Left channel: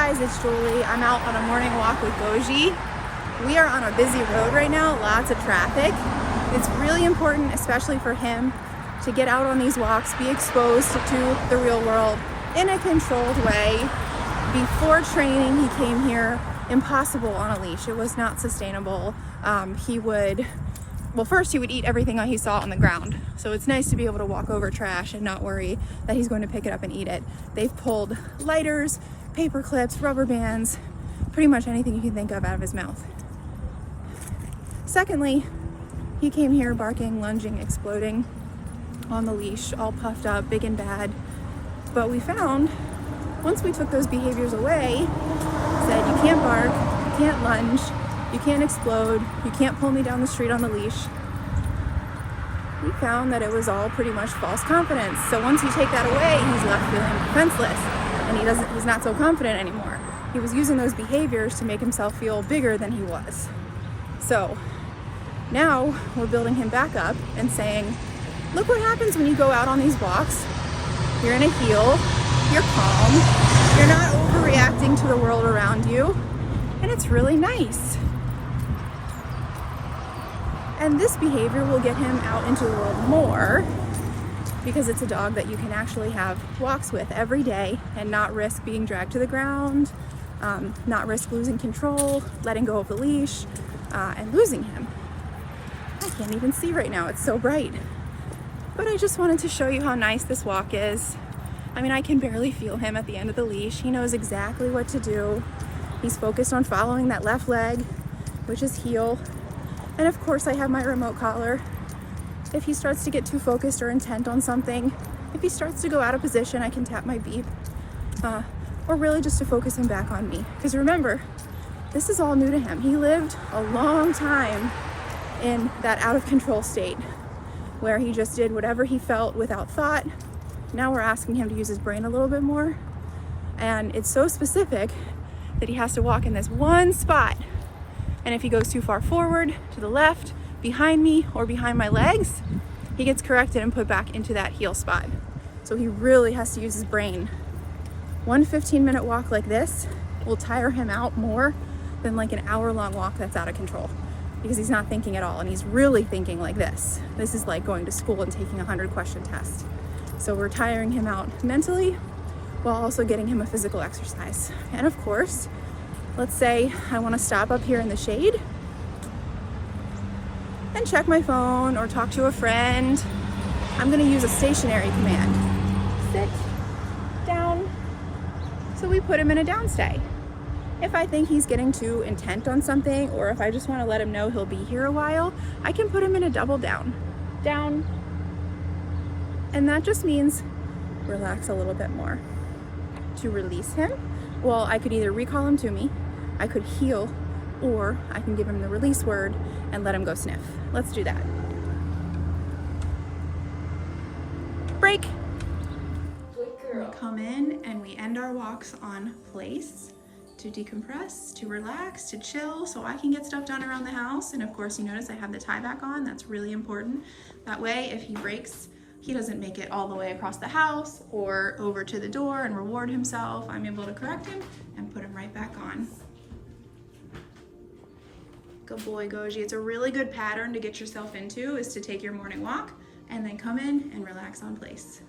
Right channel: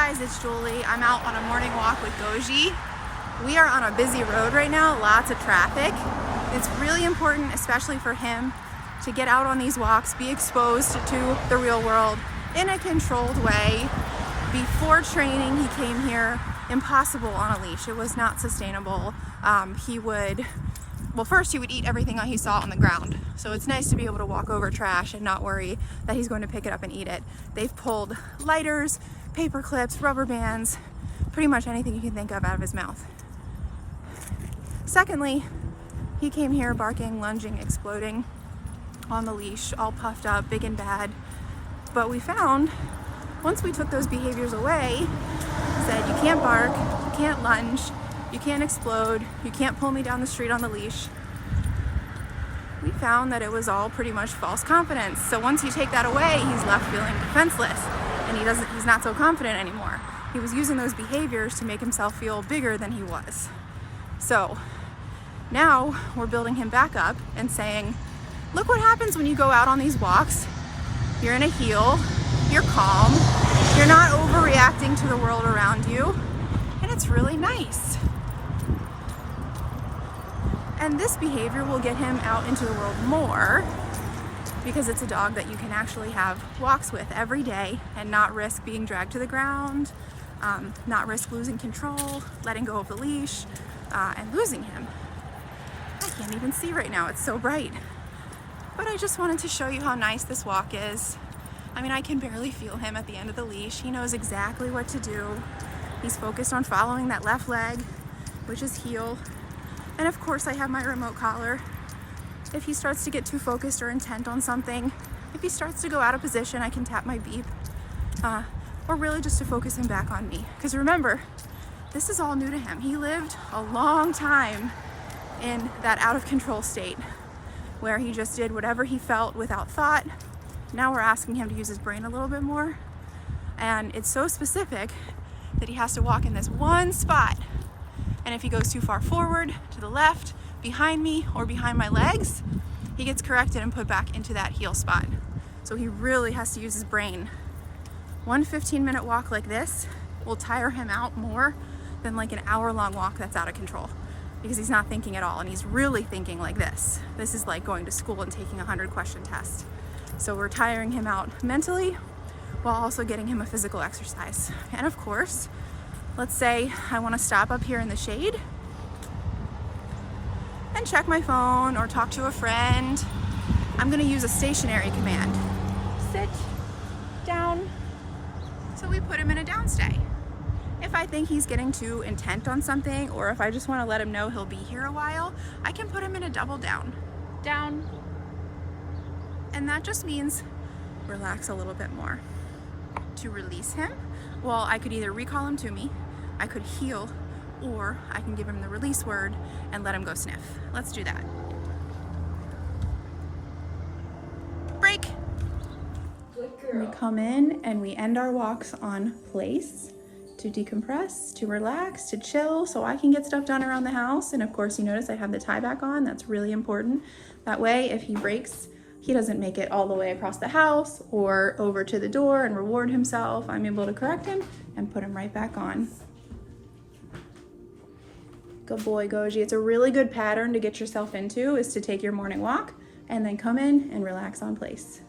guys, it's Julie. I'm out on a morning walk with Goji. We are on a busy road right now, lots of traffic. It's really important, especially for him, to get out on these walks, be exposed to the real world in a controlled way. Before training, he came here impossible on a leash. It was not sustainable. First he would eat everything he saw on the ground. So it's nice to be able to walk over trash and not worry that he's going to pick it up and eat it. They've pulled lighters, paper clips, rubber bands, pretty much anything you can think of out of his mouth. Secondly, he came here barking, lunging, exploding on the leash, all puffed up, big and bad. But we found, once we took those behaviors away, said you can't bark, you can't lunge, you can't explode, you can't pull me down the street on the leash. We found that it was all pretty much false confidence. So once you take that away, he's left feeling defenseless and he's not so confident anymore. He was using those behaviors to make himself feel bigger than he was. So now we're building him back up and saying, look what happens when you go out on these walks. You're in a heel, you're calm, you're not overreacting to the world around you, and it's really nice. And this behavior will get him out into the world more because it's a dog that you can actually have walks with every day and not risk being dragged to the ground, not risk losing control, letting go of the leash, and losing him. I can't even see right now, it's so bright. But I just wanted to show you how nice this walk is. I mean, I can barely feel him at the end of the leash. He knows exactly what to do. He's focused on following that left leg, which is heel. And of course I have my remote collar. If he starts to get too focused or intent on something, if he starts to go out of position, I can tap my beep. Or really just to focus him back on me. Because remember, this is all new to him. He lived a long time in that out of control state where he just did whatever he felt without thought. Now we're asking him to use his brain a little bit more. And it's so specific that he has to walk in this one spot. And if he goes too far forward, to the left, behind me, or behind my legs, he gets corrected and put back into that heel spot. So he really has to use his brain. One 15-minute walk like this will tire him out more than like an hour-long walk that's out of control, because he's not thinking at all, and he's really thinking like this. This is like going to school and taking a 100-question test. So we're tiring him out mentally while also getting him a physical exercise. And of course, let's say I want to stop up here in the shade and check my phone or talk to a friend. I'm going to use a stationary command. Sit, down. So we put him in a down stay. If I think he's getting too intent on something, or if I just want to let him know he'll be here a while, I can put him in a double down. Down. And that just means relax a little bit more. To release him, well, I could either recall him to me, I could heel, or I can give him the release word and let him go sniff. Let's do that. Break. We come in and we end our walks on place to decompress, to relax, to chill, so I can get stuff done around the house. And of course, you notice I have the tie back on. That's really important. That way, if he breaks, he doesn't make it all the way across the house or over to the door and reward himself. I'm able to correct him and put him right back on. Good boy, Goji. It's a really good pattern to get yourself into, is to take your morning walk and then come in and relax on place.